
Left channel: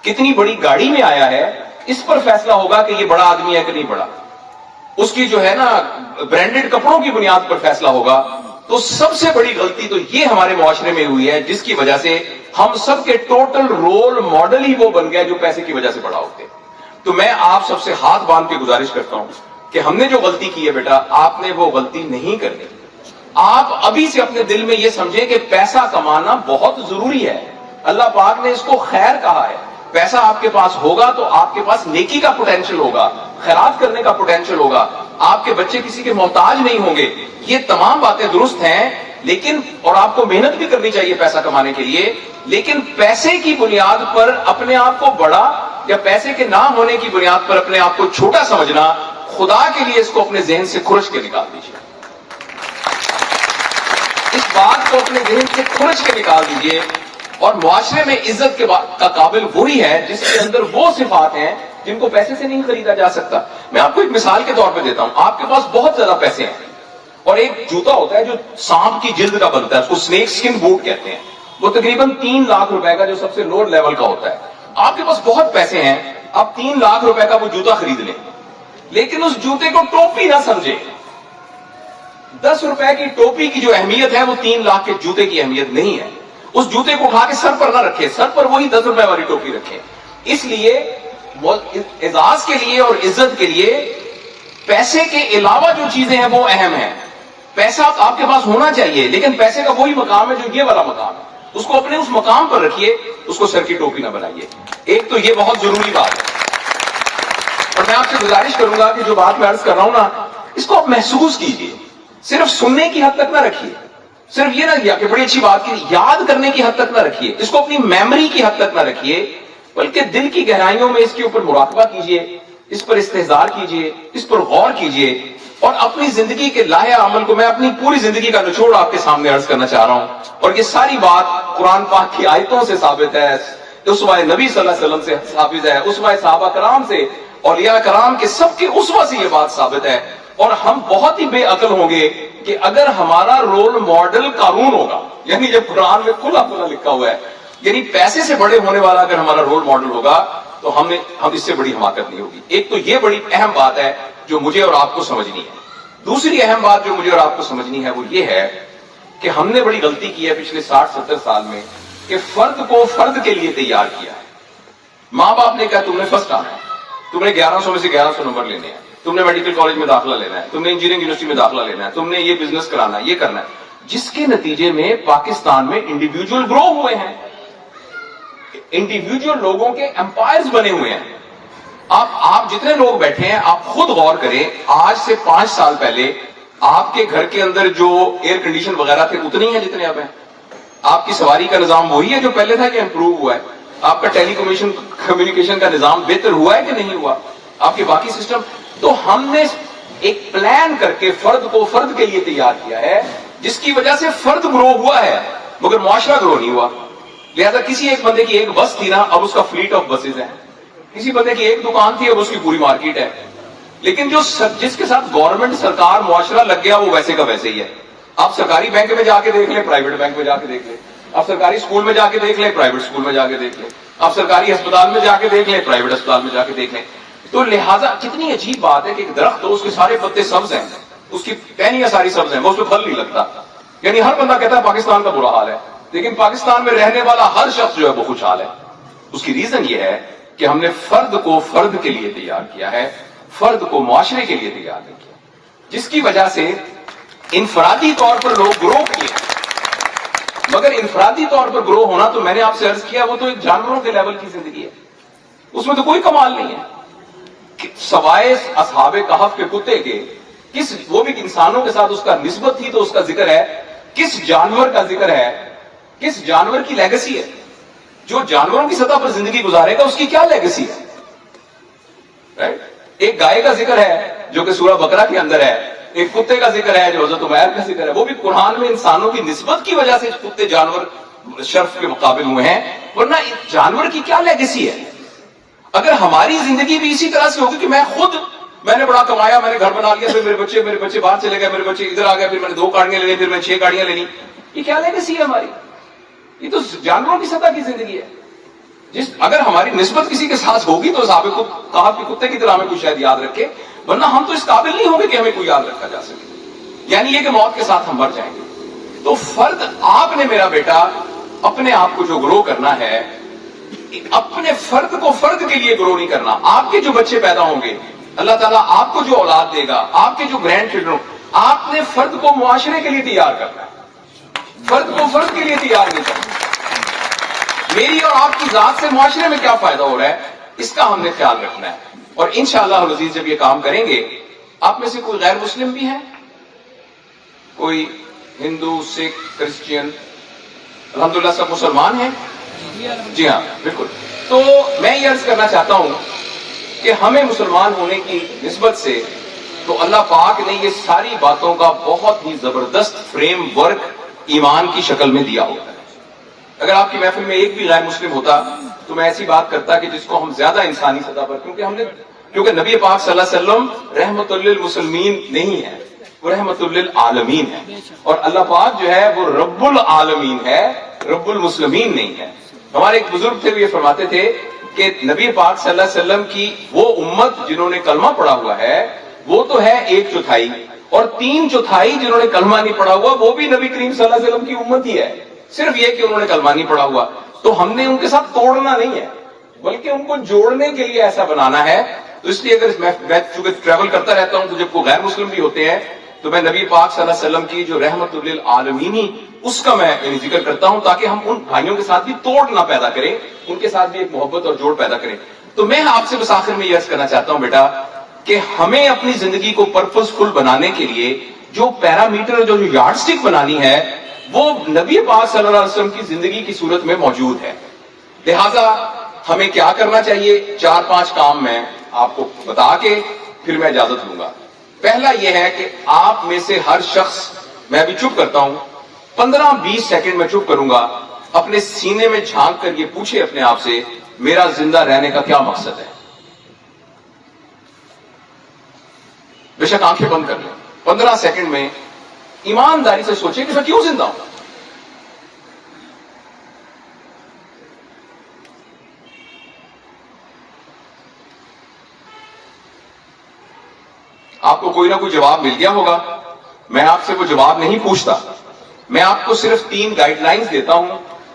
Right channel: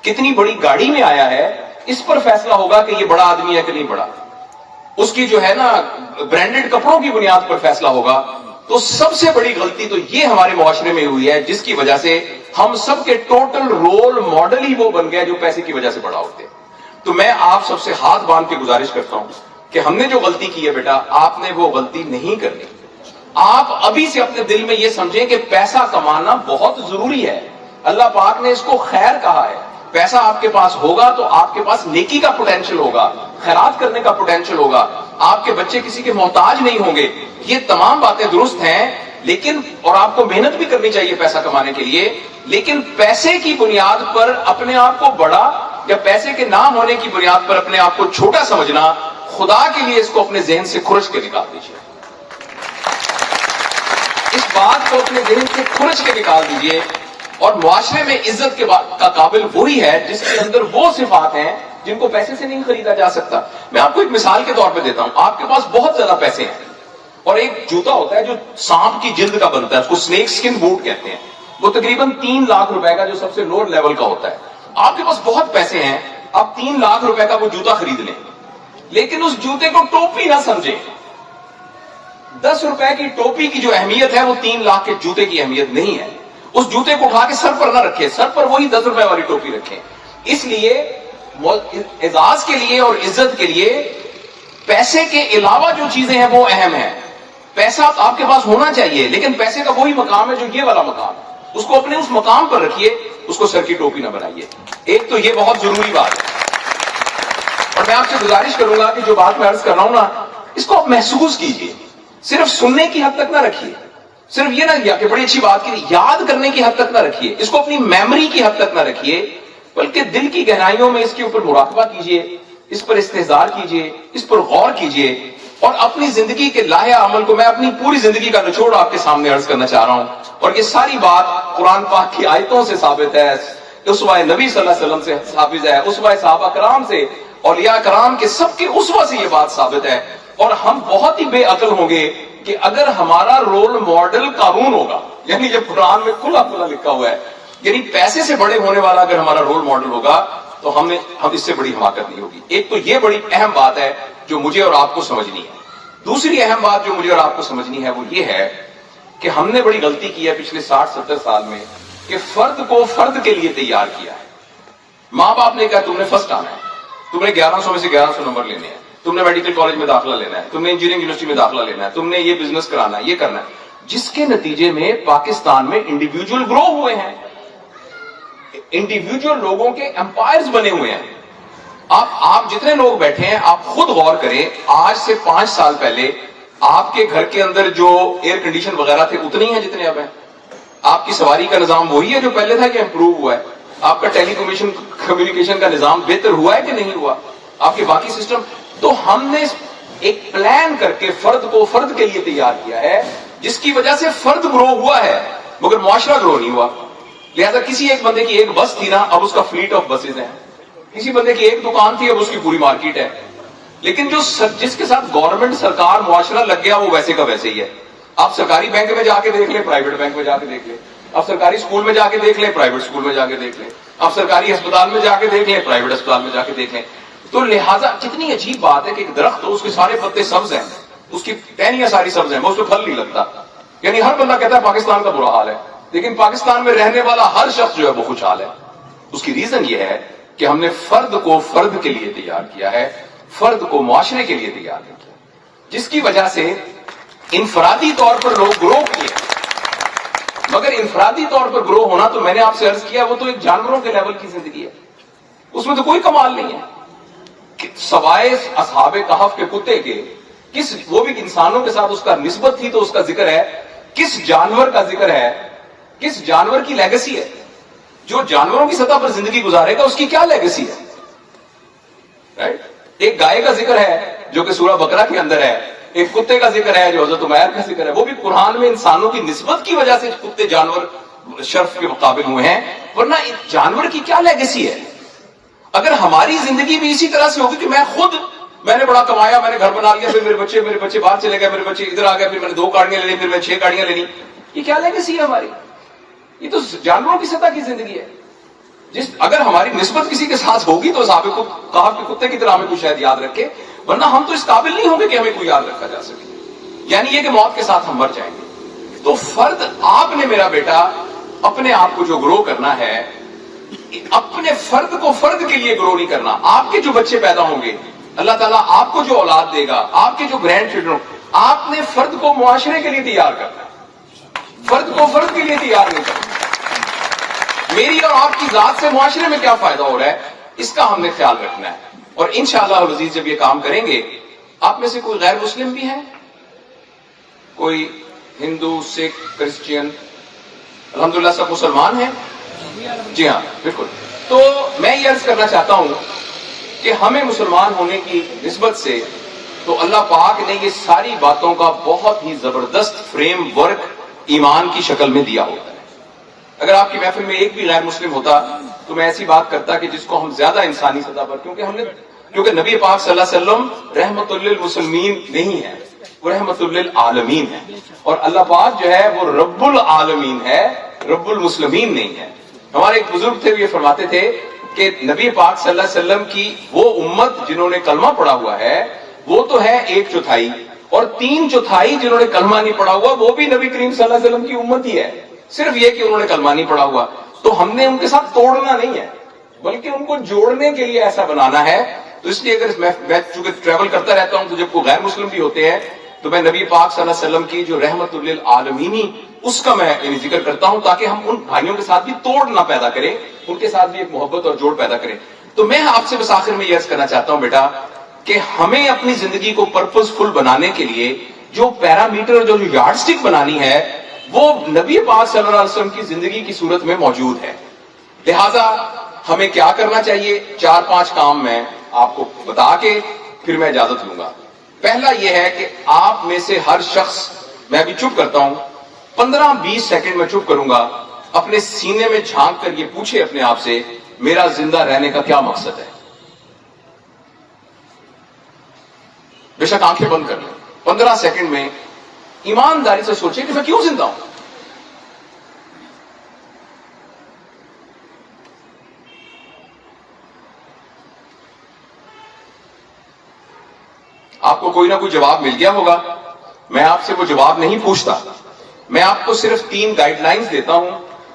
کتنی بڑی گاڑی میں آیا ہے اس پر فیصلہ ہوگا کہ یہ بڑا آدمی ہے کہ نہیں بڑا. اس کی جو ہے نا برانڈڈ کپڑوں کی بنیاد پر فیصلہ ہوگا. تو سب سے بڑی غلطی تو یہ ہمارے معاشرے میں ہوئی ہے جس کی وجہ سے ہم سب کے ٹوٹل رول ماڈل ہی وہ بن گئے جو پیسے کی وجہ سے بڑا ہوتے ہیں. تو میں آپ سب سے ہاتھ باندھ کے گزارش کرتا ہوں کہ ہم نے جو غلطی کی ہے بیٹا, آپ نے وہ غلطی نہیں کرنی. آپ ابھی سے اپنے دل میں یہ سمجھیں کہ پیسہ کمانا بہت ضروری ہے. اللہ پاک نے اس کو خیر کہا ہے. پیسہ آپ کے پاس ہوگا تو آپ کے پاس نیکی کا پوٹینشل ہوگا, خیرات کرنے کا پوٹینشل ہوگا, آپ کے بچے کسی کے محتاج نہیں ہوں گے. یہ تمام باتیں درست ہیں, لیکن اور آپ کو محنت بھی کرنی چاہیے پیسہ کمانے کے لیے, لیکن پیسے کی بنیاد پر اپنے آپ کو بڑا یا پیسے کے نہ ہونے کی بنیاد پر اپنے آپ کو چھوٹا سمجھنا, خدا کے لیے اس کو اپنے ذہن سے کھرچ کے نکال دیجیے. اس بات کو اپنے ذہن سے کھرچ کے نکال دیجیے. اور معاشرے میں عزت کا قابل وہی ہے جس کے اندر وہ صفات ہیں جن کو پیسے سے نہیں خریدا جا سکتا. میں آپ کو ایک مثال کے طور پہ دیتا ہوں. آپ کے پاس بہت زیادہ پیسے ہیں اور ایک جوتا ہوتا ہے جو سانپ کی جلد کا بنتا ہے, اس کو سنیک سکن بوٹ کہتے ہیں, وہ تقریباً 3 لاکھ روپے کا جو سب سے لوور لیول کا ہوتا ہے. آپ کے پاس بہت پیسے ہیں, آپ 3 لاکھ روپے کا وہ جوتا خرید لیں, لیکن اس جوتے کو ٹوپی نہ سمجھیں. 10 روپے کی ٹوپی کی جو اہمیت ہے وہ 3 لاکھ کے جوتے کی اہمیت نہیں ہے. اس جوتے کو اٹھا کے سر پر نہ رکھے, سر پر وہی 10 روپے والی ٹوپی رکھے. اس لیے اعزاز کے لیے اور عزت کے لیے پیسے کے علاوہ جو چیزیں ہیں وہ اہم ہیں. پیسہ آپ کے پاس ہونا چاہیے, لیکن پیسے کا وہی مقام ہے جو یہ والا مقام ہے. اس کو اپنے اس مقام پر رکھیے, اس کو سر کی ٹوپی نہ بنائیے. ایک تو یہ بہت ضروری بات ہے. اور میں آپ سے گزارش کروں گا کہ جو بات میں عرض کر رہا ہوں نا, اس کو آپ محسوس کیجئے. صرف سننے کی حد تک نہ رکھیے, صرف یہ نہ کہ بڑی اچھی بات کی یاد کرنے کی حد تک نہ رکھیے, اس کو اپنی میموری کی حد تک نہ رکھیے, بلکہ دل کی گہرائیوں میں اس کے اوپر مراقبہ کیجئے, اس پر استحضار کیجئے, اس پر غور کیجئے. اور اپنی زندگی کے لاہے عمل کو, میں اپنی پوری زندگی کا نچوڑ آپ کے سامنے عرض کرنا چاہ رہا ہوں, اور یہ ساری بات قرآن پاک کی آیتوں سے ثابت ہے, اسوہ نبی صلی اللہ علیہ وسلم سے ثابت ہے, اسوہ صحابہ کرام سے, اولیاء کرام کے سب کے اسوہ سے یہ بات ثابت ہے. اور ہم بہت ہی بے عقل ہوں گے کہ اگر ہمارا رول ماڈل قارون ہوگا, یعنی یہ قرآن میں کھلا کھلا لکھا ہوا ہے, یعنی پیسے سے بڑے ہونے والا اگر ہمارا رول ماڈل ہوگا تو ہم اس سے بڑی حماقت نہیں ہوگی. ایک تو یہ بڑی اہم بات ہے جو مجھے اور آپ کو سمجھنی ہے. دوسری اہم بات جو مجھے اور آپ کو سمجھنی ہے وہ یہ ہے کہ ہم نے بڑی غلطی کی ہے پچھلے 60-70 سال میں کہ فرد کو فرد کے لیے تیار کیا ہے. ماں باپ نے کہا تم نے فرسٹ آنا ہے, تم نے 1100 میں سے 1100 نمبر لینے ہیں, تم نے میڈیکل کالج میں داخلہ لینا ہے, تم نے انجینئرنگ یونیورسٹی میں داخلہ لینا ہے, تم نے یہ بزنس کرانا ہے, یہ کرنا ہے, جس کے نتیجے میں پاکستان میں انڈیویجول گرو ہوئے ہیں, انڈیویجول لوگوں کے امپائرز بنے ہوئے ہیں. آپ جتنے لوگ بیٹھے ہیں آپ خود غور کریں, آج سے 5 سال پہلے آپ کے گھر کے اندر جو ایئر کنڈیشن وغیرہ تھے اتنے ہی ہیں جتنے اب ہیں. آپ کی سواری کا نظام وہی ہے جو پہلے تھا کہ امپروو ہوا ہے. آپ کا ٹیلی کمیونیکیشن کا نظام بہتر ہوا ہے کہ نہیں ہوا, آپ کے باقی سسٹم. تو ہم نے ایک پلان کر کے فرد کو فرد کے لیے تیار کیا ہے, جس کی وجہ سے فرد گرو ہوا ہے مگر معاشرہ گرو نہیں ہوا. لہذا کسی ایک بندے کی ایک بس تھی نا, اب اس کا فلیٹ آف بسز ہے. کسی بندے کی ایک دکان تھی, اب اس کی پوری مارکیٹ ہے. لیکن جس کے ساتھ گورنمنٹ سرکار معاشرہ لگ گیا وہ ویسے کا ویسے ہی ہے. آپ سرکاری بینک میں جا کے دیکھ لیں, پرائیویٹ بینک میں جا کے دیکھ لیں, آپ سرکاری اسکول میں جا کے دیکھ لیں، پرائیویٹ اسکول میں جا کے دیکھ لیں، آپ سرکاری ہسپتال میں جا کے دیکھ لیں، پرائیویٹ ہسپتال میں جا کے دیکھ لیں. تو لہٰذا کتنی عجیب بات ہے کہ ایک درخت ہو، اس کے سارے پتے سبز ہیں، اس کی ٹہنیاں ساری سبز ہیں، وہ اس پہ پھل نہیں لگتا. یعنی ہر بندہ کہتا ہے پاکستان کا برا حال ہے، لیکن پاکستان میں رہنے والا ہر شخص جو ہے وہ خوشحال ہے. اس کی ریزن یہ ہے کہ ہم نے فرد کو فرد کے لیے تیار کیا ہے، فرد کو معاشرے کے لیے تیار نہیں کیا، جس کی وجہ سے انفرادی طور پر لوگ گرو کیے. مگر انفرادی طور پر گرو ہونا تو میں نے آپ سے عرض کیا وہ تو ایک جانوروں کے لیول کی زندگی ہے، اس میں تو کوئی کمال نہیں ہے. سوائے اصحاب کہف کے کتے کے وہ بھی انسانوں کے ساتھ اس کا نسبت تھی تو اس کا ذکر ہے. کس جانور کا ذکر ہے، کس جانور کی لیگسی ہے؟ جو جانوروں کی سطح پر زندگی گزارے گا اس کی کیا لیگسی ہے؟ ایک گائے کا ذکر ہے جو کہ سورہ بقرہ کے اندر ہے، ایک کتے کا ذکر ہے جو حضرت عمیر کا ذکر ہے. وہ بھی قرآن میں انسانوں کی نسبت کی وجہ سے کتے جانور شرف کے مقابل ہوئے ہیں، ورنہ جانور کی کیا لیگسی ہے؟ اگر ہماری زندگی بھی اسی طرح سے ہوگی کہ میں نے بڑا کمایا، میں نے گھر بنا لیا، پھر میرے بچے باہر چلے گئے، میرے بچے ادھر آ گئے، پھر میں نے 2 گاڑیاں لینی، پھر میں 6 گاڑیاں لینی، یہ کیا لیگسی ہے ہماری؟ یہ تو جانوروں کی سطح کی زندگی ہے. اگر ہماری نسبت کسی کے ساتھ ہوگی تو صاحب کو کہا کہ کتے کی طرح ہمیں کوئی شاید یاد رکھے، ورنہ ہم تو اس قابل نہیں ہوں گے کہ ہمیں کوئی یاد رکھا جا سکے. یعنی یہ کہ موت کے ساتھ ہم مر جائیں گے. تو فرد، آپ نے میرا بیٹا اپنے آپ کو جو گرو کرنا ہے، اپنے فرد کو فرد کے لیے گرو نہیں کرنا. آپ کے جو بچے پیدا ہوں گے، اللہ تعالیٰ آپ کو جو اولاد دے گا، آپ کے جو گرینڈ چلڈرن، آپ نے فرد کو معاشرے کے لیے تیار کرنا ہے، فرد کو فرد کے لیے تیار نہیں کرنا. میری اور آپ کی ذات سے معاشرے میں کیا فائدہ ہو رہا ہے، اس کا ہم نے خیال رکھنا ہے. اور انشاءاللہ العزیز جب یہ کام کریں گے، آپ میں سے کوئی غیر مسلم بھی ہیں، کوئی ہندو، سکھ، کرسچین، الحمدللہ سب مسلمان ہیں؟ جی ہاں، بالکل. تو میں یہ عرض کرنا چاہتا ہوں کہ ہمیں مسلمان ہونے کی نسبت سے تو اللہ پاک نے یہ ساری باتوں کا بہت ہی زبردست فریم ورک ایمان کی شکل میں دیا ہوتا ہے. اگر آپ کی محفل میں ایک بھی غیر مسلم ہوتا تو میں ایسی بات کرتا کہ جس کو ہم زیادہ انسانی سطح پر، کیونکہ نبی پاک صلی اللہ علیہ وسلم رحمت للمسلمین نہیں ہے، وہ رحمت للعالمین ہے. اور اللہ پاک جو ہے وہ رب العالمین ہے، رب المسلمین نہیں ہے. ہمارے ایک بزرگ تھے، وہ یہ فرماتے تھے کہ نبی پاک صلی اللہ علیہ وسلم کی وہ امت جنہوں نے کلمہ پڑھا ہوا ہے وہ تو ہے 1/4، اور 3/4 جنہوں نے کلمہ نہیں پڑھا ہوا وہ بھی نبی کریم صلی اللہ علیہ وسلم کی امت ہی ہے. صرف یہ کہ انہوں نے کلمہ نہیں پڑھا ہوا. تو ہم نے ان کے ساتھ توڑنا نہیں ہے، بلکہ ان کو جوڑنے کے لیے ایسا بنانا ہے. تو اس لیے اگر میں چونکہ ٹریول کرتا رہتا ہوں تو جب کوئی غیر مسلم بھی ہوتے ہیں تو میں نبی پاک صلی اللہ علیہ وسلم کی جو رحمت للعالمین اس کا میں ذکر کرتا ہوں، تاکہ ہم ان بھائیوں کے ساتھ بھی توڑ نہ پیدا کریں، ان کے ساتھ بھی ایک محبت اور جوڑ پیدا کریں. تو میں آپ سے بس آخر میں یہ عرض کرنا چاہتا ہوں بیٹا کہ ہمیں اپنی زندگی کو پرپز فل بنانے کے لیے جو پیرامیٹر، جو یارڈ سٹک بنانی ہے، وہ نبی پاک صلی اللہ علیہ وسلم کی زندگی کی صورت میں موجود ہے. لہذا ہمیں کیا کرنا چاہیے، 4-5 کام میں آپ کو بتا کے پھر میں اجازت لوں گا. پہلا یہ ہے کہ آپ میں سے ہر شخص، میں ابھی چپ کرتا ہوں، 15-20 سیکنڈ میں چپ کروں گا، اپنے سینے میں جھانک کر یہ پوچھے اپنے آپ سے میرا زندہ رہنے کا کیا مقصد ہے. بے شک آنکھیں بند کر لیں، 15 سیکنڈ میں ایمانداری سے سوچیں کہ میں کیوں زندہ ہوں. آپ کو کوئی نہ کوئی جواب مل گیا ہوگا. میں آپ سے وہ جواب نہیں پوچھتا، میں آپ کو صرف 3 گائیڈ لائنز دیتا ہوں.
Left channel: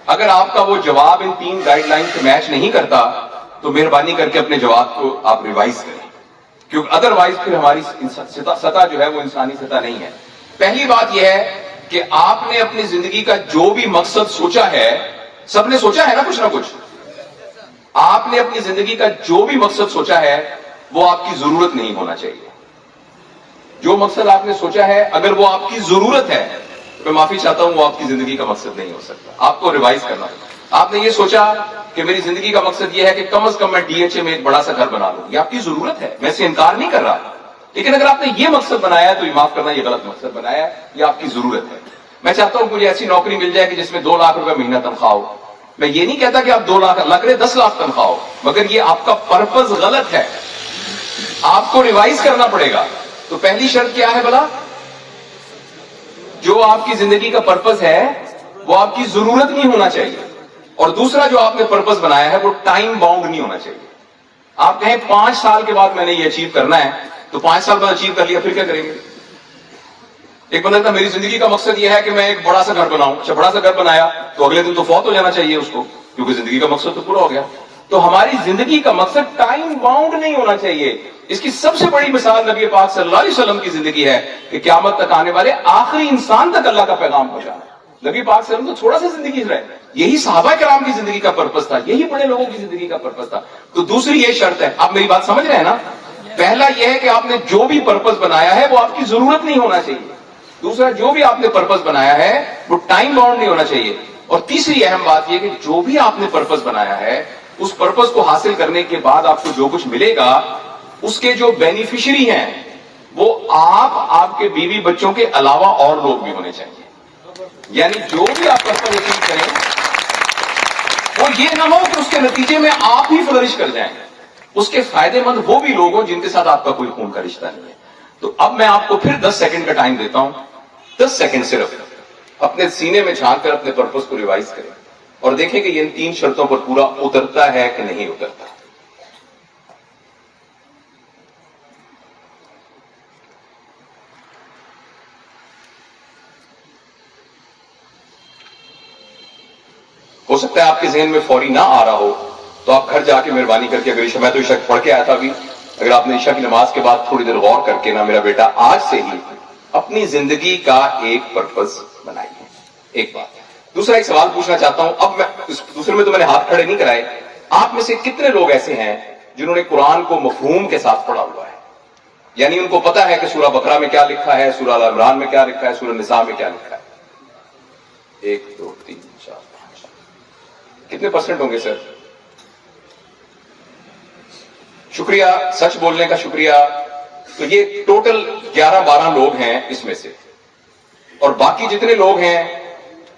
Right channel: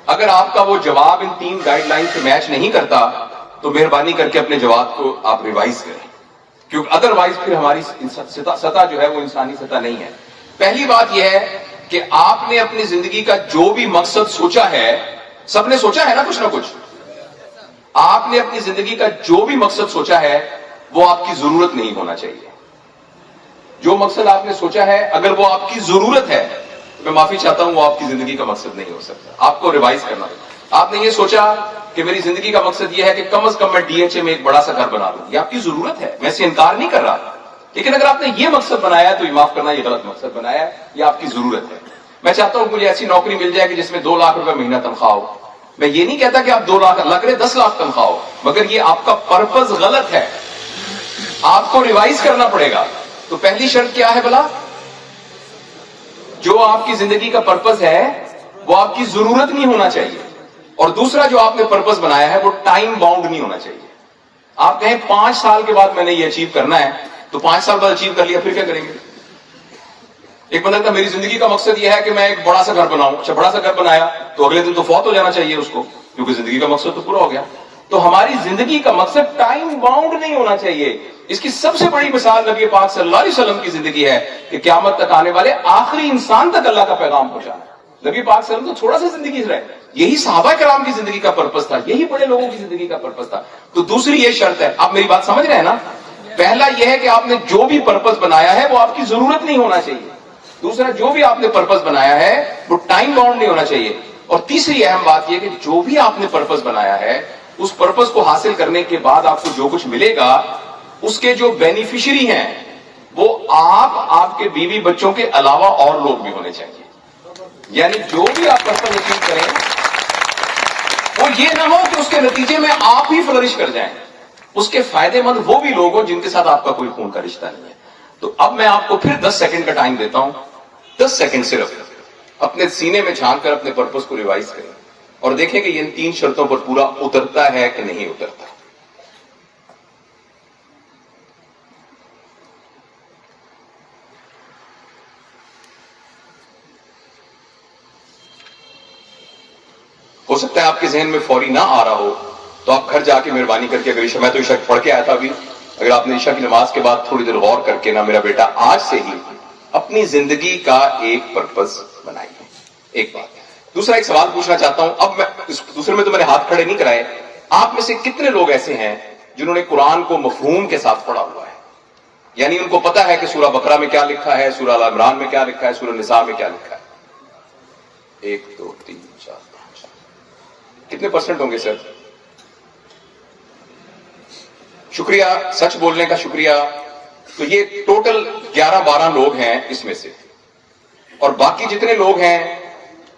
اگر آپ کا وہ جواب ان 3 گائیڈ لائن سے میچ نہیں کرتا تو مہربانی کر کے اپنے جواب کو آپ ریوائز کریں، کیونکہ ادروائز پھر ہماری سطح جو ہے وہ انسانی سطح نہیں ہے. پہلی بات یہ ہے کہ آپ نے اپنی زندگی کا جو بھی مقصد سوچا ہے، سب نے سوچا ہے نا کچھ نہ کچھ، آپ نے اپنی زندگی کا جو بھی مقصد سوچا ہے وہ آپ کی ضرورت نہیں ہونا چاہیے. جو مقصد آپ نے سوچا ہے اگر وہ آپ کی ضرورت ہے، میں معافی چاہتا ہوں، وہ آپ کی زندگی کا مقصد نہیں ہو سکتا. آپ کو ریوائز کرنا ہوگا. آپ نے یہ سوچا کہ میری زندگی کا مقصد یہ ہے کہ کم از کم میں DHA میں ایک بڑا سا گھر بنا لوں، یہ آپ کی ضرورت ہے، میں اسے انکار نہیں کر رہا. لیکن اگر آپ نے یہ مقصد بنایا ہے تو یہ معاف کرنا، یہ غلط مقصد بنایا ہے، یہ آپ کی ضرورت ہے. میں چاہتا ہوں مجھے ایسی نوکری مل جائے کہ جس میں 2 لاکھ روپے مہینہ تنخواہ ہو. میں یہ نہیں کہتا کہ آپ 2 لاکھ، اللہ کرے 10 لاکھ تنخواہ ہو، مگر یہ آپ کا پرپز غلط ہے، آپ کو ریوائز کرنا پڑے گا. تو پہلی شرط کیا ہے بھلا؟ جو آپ کی زندگی کا پرپز ہے وہ آپ کی ضرورت نہیں ہونا چاہیے. اور دوسرا جو آپ نے پرپز بنایا ہے وہ ٹائم باؤنڈ نہیں ہونا چاہیے. آپ کہیں 5 سال کے بعد میں نے یہ اچیو کرنا ہے, تو 5 سال بعد اچیو کر لیا پھر کیا کریں گے؟ ایک بندہ کہتا میری زندگی کا مقصد یہ ہے کہ میں ایک بڑا سا گھر بناؤں. اچھا بڑا سا گھر بنایا تو اگلے دن تو فوت ہو جانا چاہیے اس کو, کیونکہ زندگی کا مقصد تو پورا ہو گیا. تو ہماری زندگی کا مقصد ٹائم باؤنڈ نہیں ہونا چاہیے. اس کی سب سے بڑی مثال نبی پاک صلی اللہ علیہ وسلم کی زندگی ہے کہ قیامت تک آنے والے آخری انسان تک اللہ کا پیغام پہنچانا. نبی پاک صلی اللہ علیہ وسلم تو تھوڑا سا زندگی رہے, یہی صحابہ کرام کی زندگی کا پرپس تھا, یہی بڑے لوگوں کی زندگی کا پرپس تھا. تو دوسری یہ شرط ہے, آپ میری بات سمجھ رہے ہیں نا؟ پہلا یہ ہے کہ آپ نے جو بھی پرپس بنایا ہے وہ آپ کی ضرورت نہیں ہونا چاہیے. دوسرا جو بھی آپ نے پرپس بنایا ہے وہ ٹائم باؤنڈ نہیں ہونا چاہیے. اور تیسری اہم بات یہ کہ جو بھی آپ نے پرپس بنایا ہے اس پرپس کو حاصل کرنے کے بعد آپ کو جو کچھ ملے گا اس کے جو بینیفیشری ہیں وہ آپ کے بیوی بچوں کے علاوہ اور لوگ بھی ہونے چاہیے. یعنی جو بھی آپ پرپس اچیو کریں وہ یہ نہ ہو کہ اس کے نتیجے میں آپ ہی فلرش کر جائیں. اس کے فائدے مند وہ بھی لوگ ہوں جن کے ساتھ آپ کا کوئی خون کا رشتہ نہیں ہے. تو اب میں آپ کو پھر 10 سیکنڈ کا ٹائم دیتا ہوں. 10 سیکنڈ صرف اپنے سینے میں جھانک کر اپنے پرپس کو ریوائز کریں اور دیکھیں کہ یہ ان 3 شرطوں پر پورا اترتا ہے کہ نہیں اترتا. ہو سکتا ہے آپ کے ذہن میں فوری نہ آ رہا ہو تو آپ گھر جا کے مہربانی کر کے, اگر عشاء, میں تو عشاء پڑھ کے آیا تھا ابھی, اگر آپ نے عشاء کی نماز کے بعد تھوڑی دیر غور کر کے نا میرا بیٹا آج سے ہی اپنی زندگی کا ایک پرپس بنائیے. ایک بات. دوسرا ایک سوال پوچھنا چاہتا ہوں. اب میں دوسرے میں تو میں نے ہاتھ کھڑے نہیں کرائے. آپ میں سے کتنے لوگ ایسے ہیں جنہوں نے قرآن کو مفہوم کے ساتھ پڑھا ہوا ہے؟ یعنی ان کو پتا ہے کہ سورہ بقرہ میں کیا لکھا ہے, سورہ آل عمران میں کیا لکھا ہے, سورہ نساء میں کیا لکھا ہے. 1 2 3 4 5. کتنے پرسنٹ ہوں گے سر؟ شکریہ, سچ بولنے کا شکریہ. تو یہ ٹوٹل 11-12 لوگ ہیں اس میں سے. اور باقی جتنے لوگ ہیں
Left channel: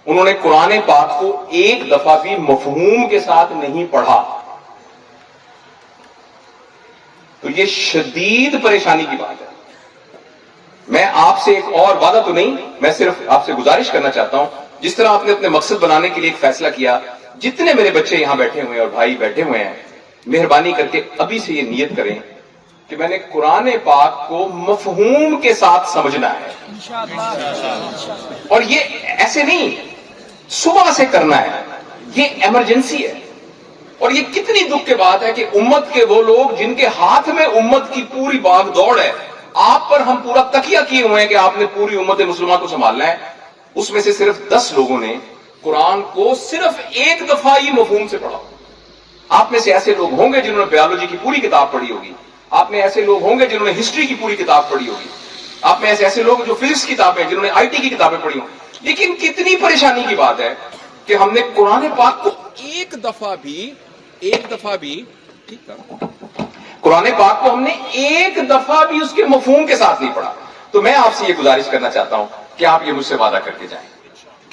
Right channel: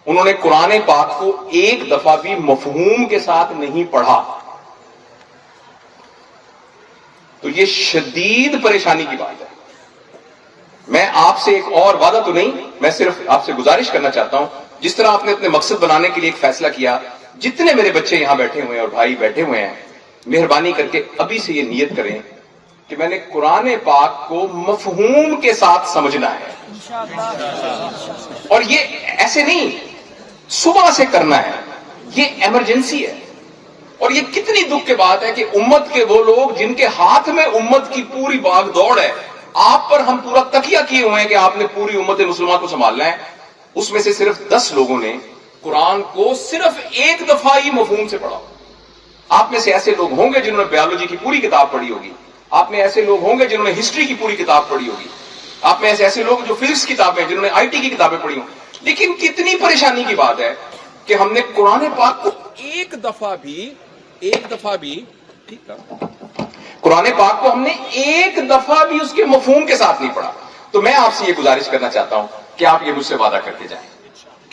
انہوں نے قرآن پاک کو ایک دفعہ بھی مفہوم کے ساتھ نہیں پڑھا. تو یہ شدید پریشانی کی بات ہے. میں آپ سے ایک اور وعدہ تو نہیں, میں صرف آپ سے گزارش کرنا چاہتا ہوں, جس طرح آپ نے اپنے مقصد بنانے کے لیے ایک فیصلہ کیا, جتنے میرے بچے یہاں بیٹھے ہوئے ہیں اور بھائی بیٹھے ہوئے ہیں, مہربانی کر کے ابھی سے یہ نیت کریں کہ میں نے قرآن پاک کو مفہوم کے ساتھ سمجھنا ہے. اور یہ ایسے نہیں صبح سے کرنا ہے, یہ ایمرجنسی ہے. اور یہ کتنی دکھ کی بات ہے کہ امت کے وہ لوگ جن کے ہاتھ میں امت کی پوری باغ دوڑ ہے, آپ پر ہم پورا تکیہ کیے ہوئے ہیں کہ آپ نے پوری امت مسلمہ کو سنبھالنا ہے, اس میں سے صرف 10 لوگوں نے قرآن کو صرف ایک دفعہ ہی مفہوم سے پڑھا. آپ میں سے ایسے لوگ ہوں گے جنہوں نے بیولوجی کی پوری کتاب پڑھی ہوگی, آپ میں ایسے لوگ ہوں گے جنہوں نے ہسٹری کی پوری کتاب پڑھی ہوگی, آپ میں ایسے لوگ جو فزکس کی کتابیں, جنہوں نے آئی ٹی کی کتابیں پڑھی ہوں. لیکن کتنی پریشانی کی بات ہے کہ ہم نے قرآن پاک کو ایک دفعہ بھی ٹھیک تھا, قرآن پاک کو ہم نے ایک دفعہ بھی اس کے مفہوم کے ساتھ نہیں پڑھا. تو میں آپ سے یہ گزارش کرنا چاہتا ہوں کہ آپ یہ مجھ سے وعدہ کر کے جائیں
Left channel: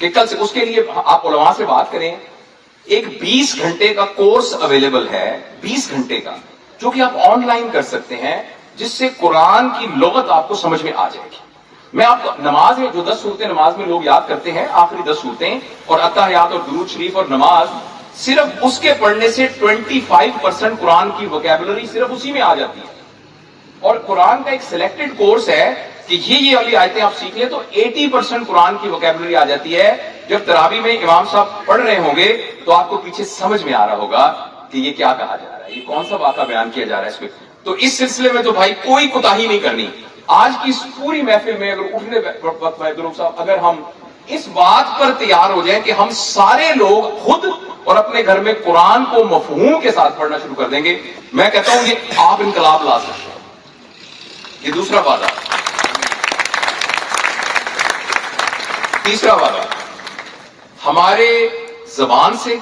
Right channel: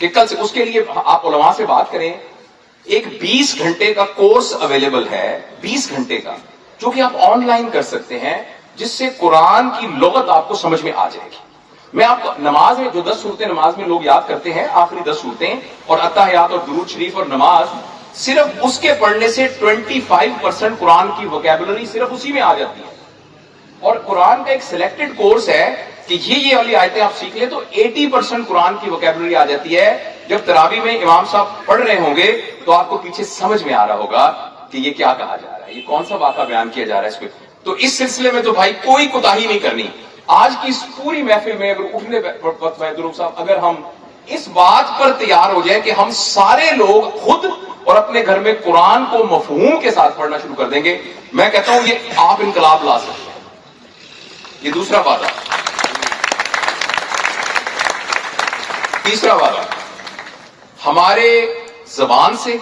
کہ کل سے اس کے لیے آپ علماء سے بات کریں. ایک 20 گھنٹے کا کورس اویلیبل ہے, 20 گھنٹے کا, جو کہ آپ آن لائن کر سکتے ہیں, جس سے قرآن کی لغت آپ کو سمجھ میں آ جائے گی. میں آپ کو نماز میں جو 10 صورتیں نماز میں لوگ یاد کرتے ہیں, آخری 10 صورتیں اور اتحیات اور درود شریف اور نماز, صرف اس کے پڑھنے سے 25% قرآن کی ووکیبلری صرف اسی میں آ جاتی ہے. اور قرآن کا ایک سلیکٹڈ کورس ہے کہ یہ والی آیتیں آپ سیکھ لیں تو 80% قرآن کی ووکیبلری آ جاتی ہے. جب تراویح میں امام صاحب پڑھ رہے ہوں گے تو آپ کو پیچھے سمجھ میں آ رہا ہوگا کہ یہ کیا کہا جا رہا ہے, یہ کون سا واقعہ بیان کیا جا رہا ہے اس پہ. تو اس سلسلے میں تو بھائی کوئی کوتاہی نہیں کرنی. آج کی اس پوری محفل میں اگر اٹھنے وقت درود صاحب اگر ہم اس بات پر تیار ہو جائیں کہ ہم سارے لوگ خود اور اپنے گھر میں قرآن کو مفہوم کے ساتھ پڑھنا شروع کر دیں گے, میں کہتا ہوں یہ آپ انقلاب لا سکتے ہیں. یہ دوسرا وعدہ. تیسرا وعدہ, ہمارے زبان سے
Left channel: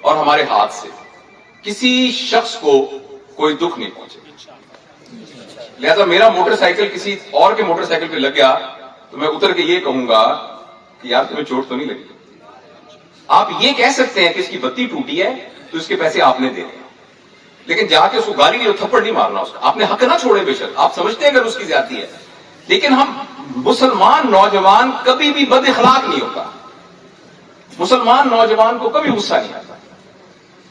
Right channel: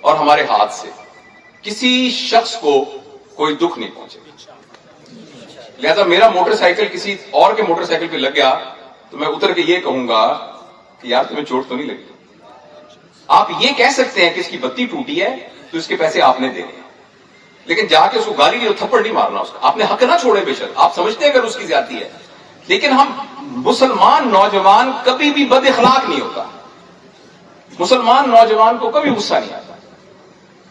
اور ہمارے ہاتھ سے کسی شخص کو کوئی دکھ نہیں پہنچے. لہذا میرا موٹر سائیکل کسی اور کے موٹر سائیکل پہ لگ گیا تو میں اتر کے یہ کہوں گا کہ یار تمہیں چوٹ تو نہیں لگی. آپ یہ کہہ سکتے ہیں کہ اس کی بتی ٹوٹی ہے تو اس کے پیسے آپ نے دینے, لیکن جا کے اس کو گالی دی, تھپڑ نہیں مارنا. اس کا آپ نے حق نہ چھوڑے, بے شک آپ سمجھتے ہیں اگر اس کی زیادتی ہے, لیکن ہم مسلمان نوجوان کبھی بھی بد اخلاق نہیں ہوتا. مسلمان نوجوان کو کبھی غصہ نہیں آتا,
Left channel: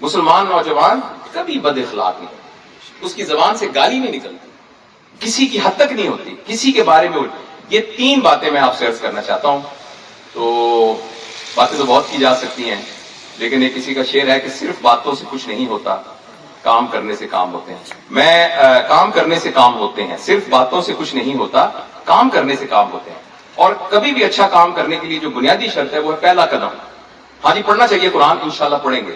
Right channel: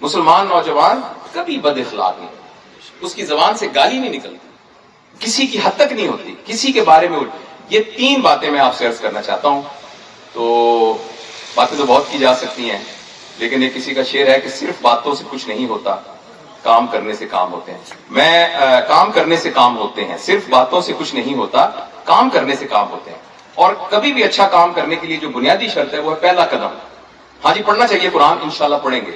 مسلمان نوجوان کبھی بد اخلاق نہیں ہوتا, اس کی زبان سے گالی نہیں نکلتی, کسی کی حد تک نہیں ہوتی, کسی کے بارے میں یہ 3 باتیں میں آپ سے عرض کرنا چاہتا ہوں. تو باتیں تو بہت کی جا سکتی ہیں, لیکن ایک کسی کا شعر ہے کہ صرف باتوں سے کچھ نہیں ہوتا, کام کرنے سے کام ہوتے ہیں. کام کرنے سے کام ہوتے ہیں, صرف باتوں سے کچھ نہیں ہوتا, کام کرنے سے کام ہوتے ہیں. اور کبھی بھی اچھا کام کرنے کے لیے جو بنیادی شرط ہے وہ ہے پہلا قدم. ہاں جی پڑھنا چاہیے قرآن, انشاءاللہ پڑھیں گے,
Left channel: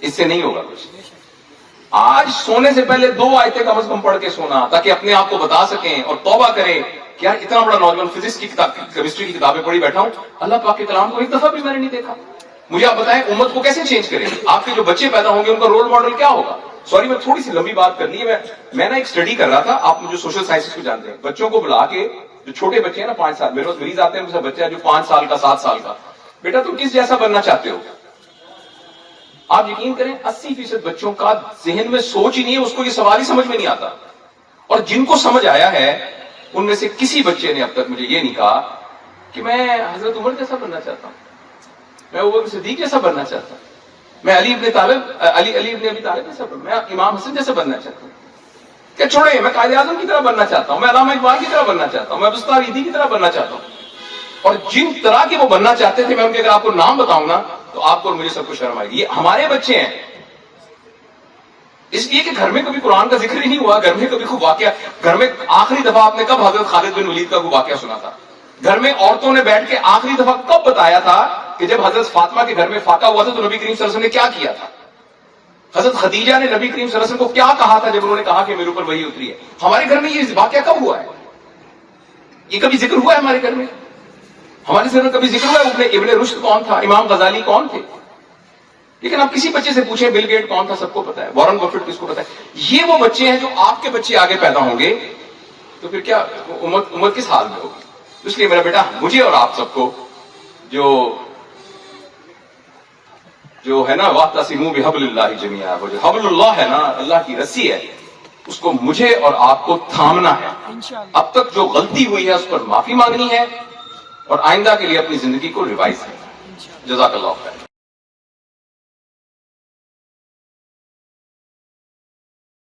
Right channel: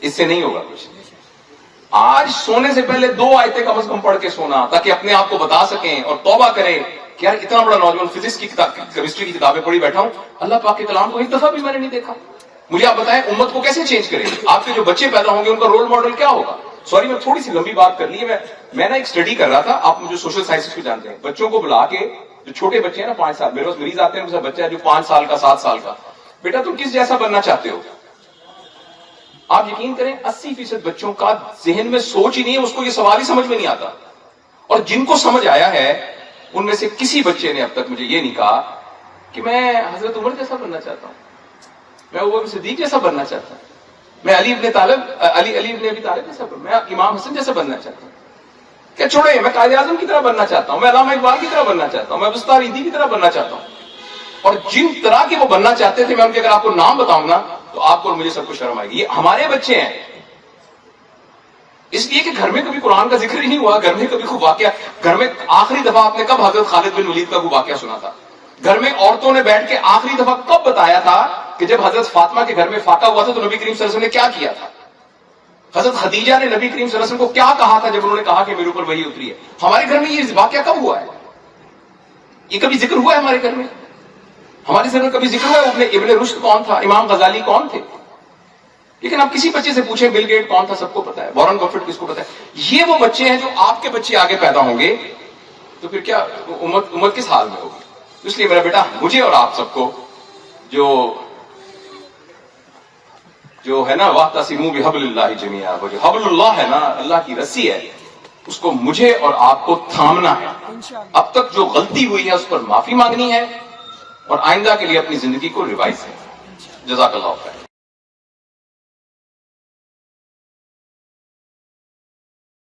اس سے نہیں ہوگا کچھ. آج سونے سے پہلے 2 آیتیں کم از کم پڑھ کے سونا, تاکہ اپنے آپ کو بتا سکیں اور توبہ کریں کہ یار اتنا بڑا نوجوان فزکس کی کتاب, کیمسٹری کی کتابیں پڑھی بیٹھا ہوں, اللہ پاک کے کلام کو ایک دفعہ بھی میں نے نہیں دیکھا. مجھے آپ بتائیں امت کو کیسے چینج کریں گے؟ آپ کے جو بچے پیدا ہوں گے ان کا رول ماڈل کیا ہوگا؟ سوری میں تھوڑی سی لمبی بات کر لی ہے. میں نا ایک اسٹڈی کر رہا تھا, آپ مجھے سوشل سائنس کو جانتے ہیں, بچوں کو بلا کے, جو چھوٹے بچے ہیں نا 5 سال, میرے پاس مریض آتے ہیں ان کا بچہ ہے جو 5 سال کا 7 سال کا, بیٹا تم کس جیسا بننا چاہتے ہو؟ آپ یقین کریں 80% بچوں کا ذہن میں سوچ ہی نہیں ہے, اس کو یہ سوال ہی سمجھ میں نہیں آتا. اور جن کو سمجھ آیا ہے ان میں سے کسی بچے نے اب تک مجھے یہ نہیں کہا کہ میں حضرت عمر جیسا بننا چاہتا ہوں, میں ابو بکر صدیق جیسا بننا چاہتا ہوں, میں علی ابن ابی طالب جیسا, میں امام حسن جیسا بننا چاہتا ہوں. کہ چھوڑے, میں قائد اعظم کی طرح بننا چاہتا ہوں, میں علامہ اقبال کی طرح بننا چاہتا ہوں, میں ابستار عیدی کی طرح بننا چاہتا ہوں. اور جن طرح کے وہ بننا چاہتے تھے, میں ان کے اگر آپ کو نام بتاؤں نا تو آپ کو مجھے سب کو شرم آئے گی. یہ ہمارے بچے ہیں, اس لیے کہ گھر میں کبھی قرآن کا ذکر ہی نہیں ہوا, گھر میں کبھی کوئی واقعہ, گھر میں آخری دفعہ آپ نے کب حضرت خالد بن ولید کا کوئی واقعہ سنا تھا؟ گھر میں عورتوں نے بیٹھ کے آخری دفعہ کب بتایا تھا کہ جب حضرت فاطمہ کے گھر میں فاقہ ہوا تھا تو نبی کریم صلی اللہ علیہ وسلم نے کیا کیا تھا؟ حضرت خدیجہ نے نبی کریم صلی اللہ علیہ وسلم کو کیا کہا تھا جب انہوں نے کہا کہ میرے اوپر وحی اتری ہے؟ ہمارے گھر میں یہ واقعہ کب ہوا ہے؟ یہ کبھی ذکر ہوا ہے ہمارے گھر میں؟ ہمارے گھر میں کبھی ذکر ہوا ہے ابن رشد کون تھا, امام غزالی کون تھے؟ لیکن آپ کسی بچے سے پوچھیں بل گیٹ کون تھا, سب کو پتا ہے. وارن بفیٹ کس کو پتا ہے؟ یہ وہ بچے ہیں جو آپ کے بچے آگے پیدا ہوں گے تو پھر کیا امت کس حال میں ہوگی؟ اس لیے میرا بیٹا, مجھے اور آپ سب کو جو ہے نا واعتصموا بحبل اللہ جمیعا, وہ جو حبل اللہ ہے نا, اللہ کی رسی ہے, اس کو مجھے اور آپ کو تھامنا ہے. اب تک جو غلطی ہوئی ہے اس پر معافی مانگنی ہے اور آئندہ کے لیے اپنی زندگی کو ریوائز کرنا ہے. جزاک اللہ خیر.